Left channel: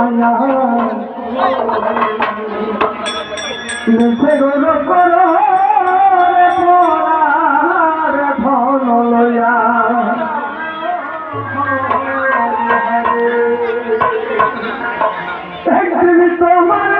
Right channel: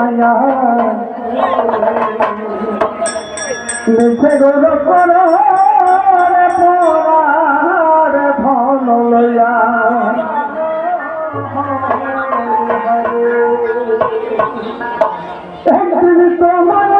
মায়া মিছে গৌর করো ধন লইয়া একদিন তোমার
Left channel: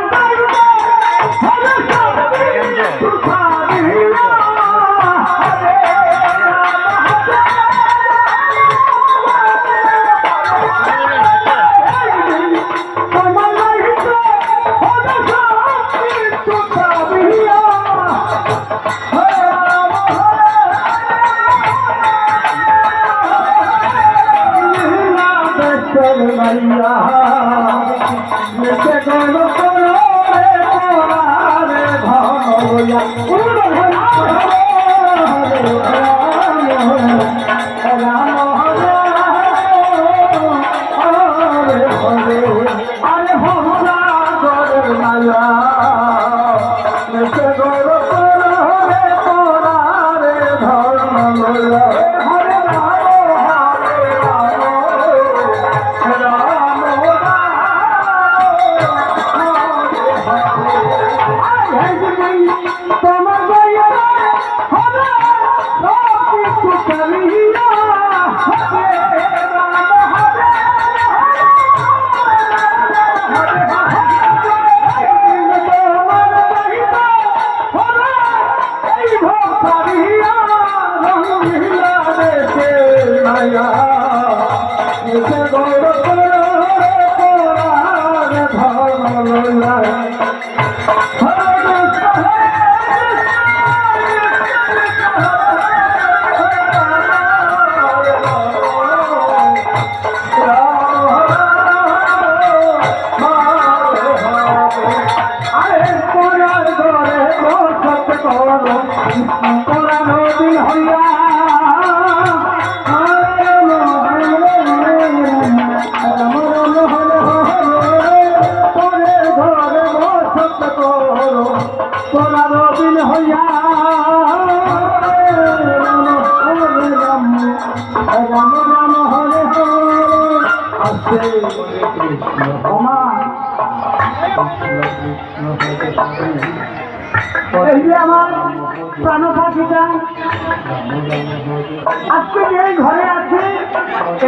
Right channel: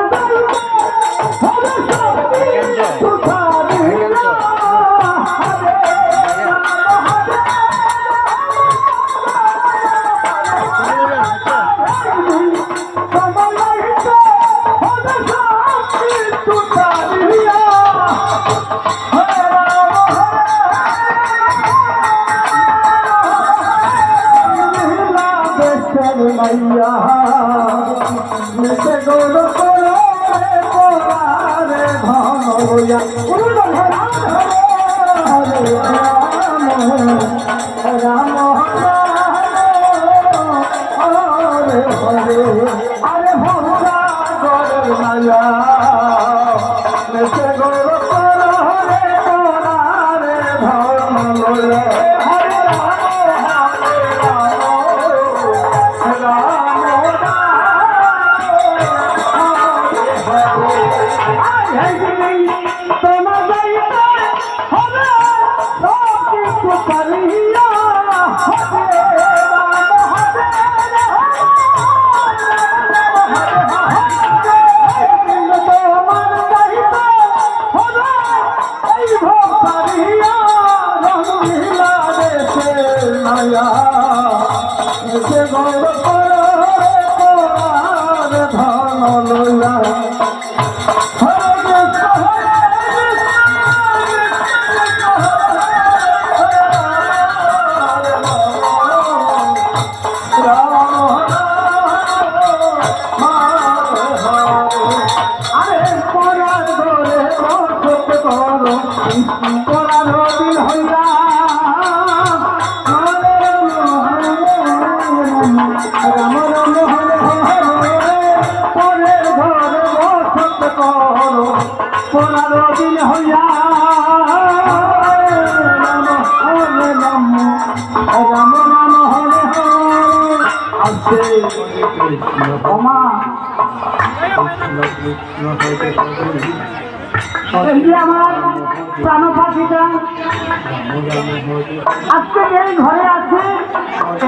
আজকে এই ঘরে আছে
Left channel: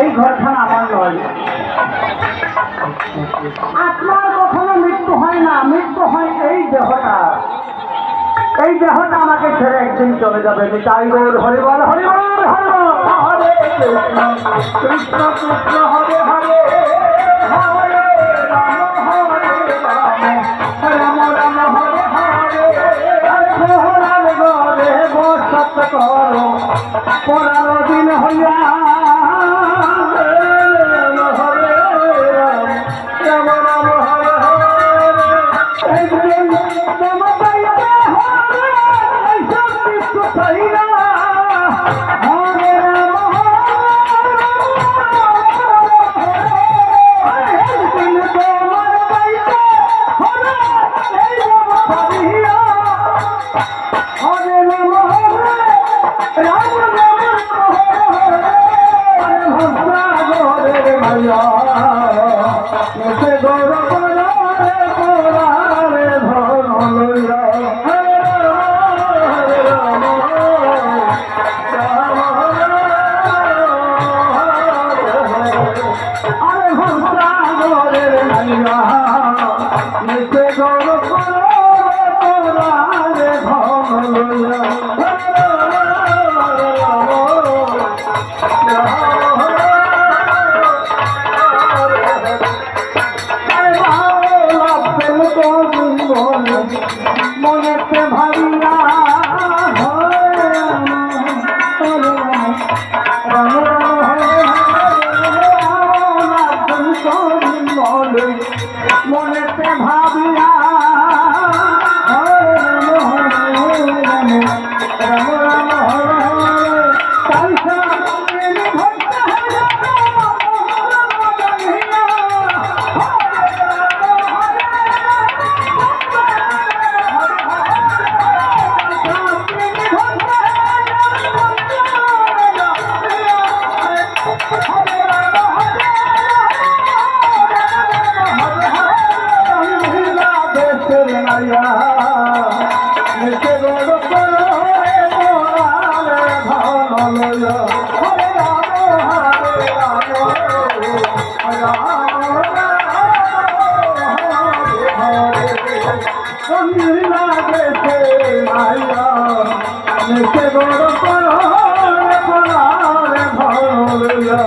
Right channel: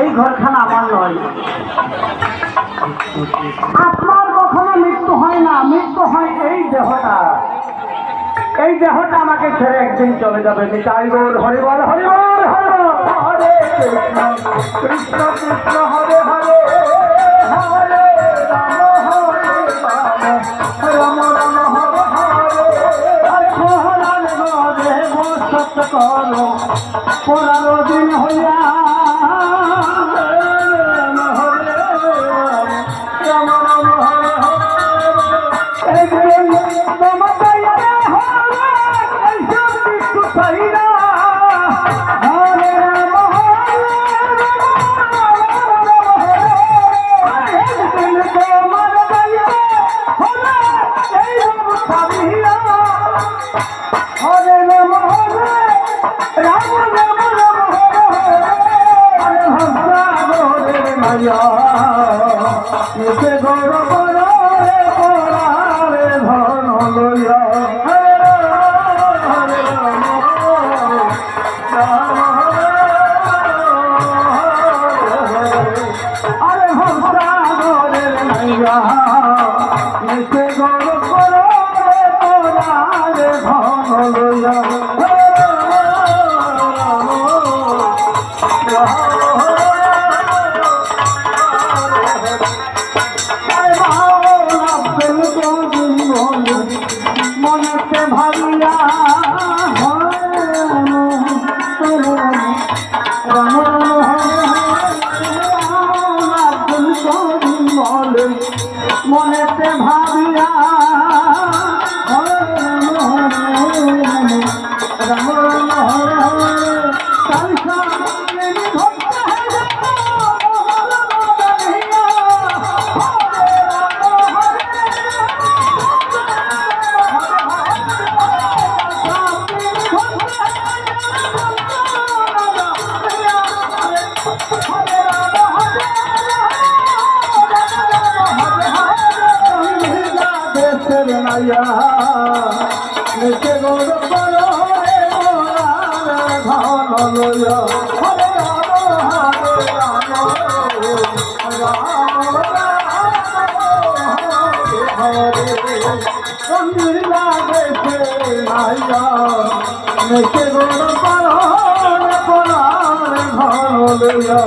এই ঘরখানা আমার নয়। আত্মার কখনো মৃত্যু হয় না, মৃত্যু হয় এই দেহটা। এই দেহটা আমাকে ছেড়ে একদিন চলে যাবে। তাই গৌর হরিবল হরিবল হরিবল হরে কৃষ্ণ কৃষ্ণ কৃষ্ণ হরে হরে হরে রাম রাম রাম হরে হরে বসত করো পুরানো দিন হইয়া রাম রাম হরে হরে হরে রাম হরে সঙ্গী লাগেছে মাইয়া নেছে বড় পার ভরলা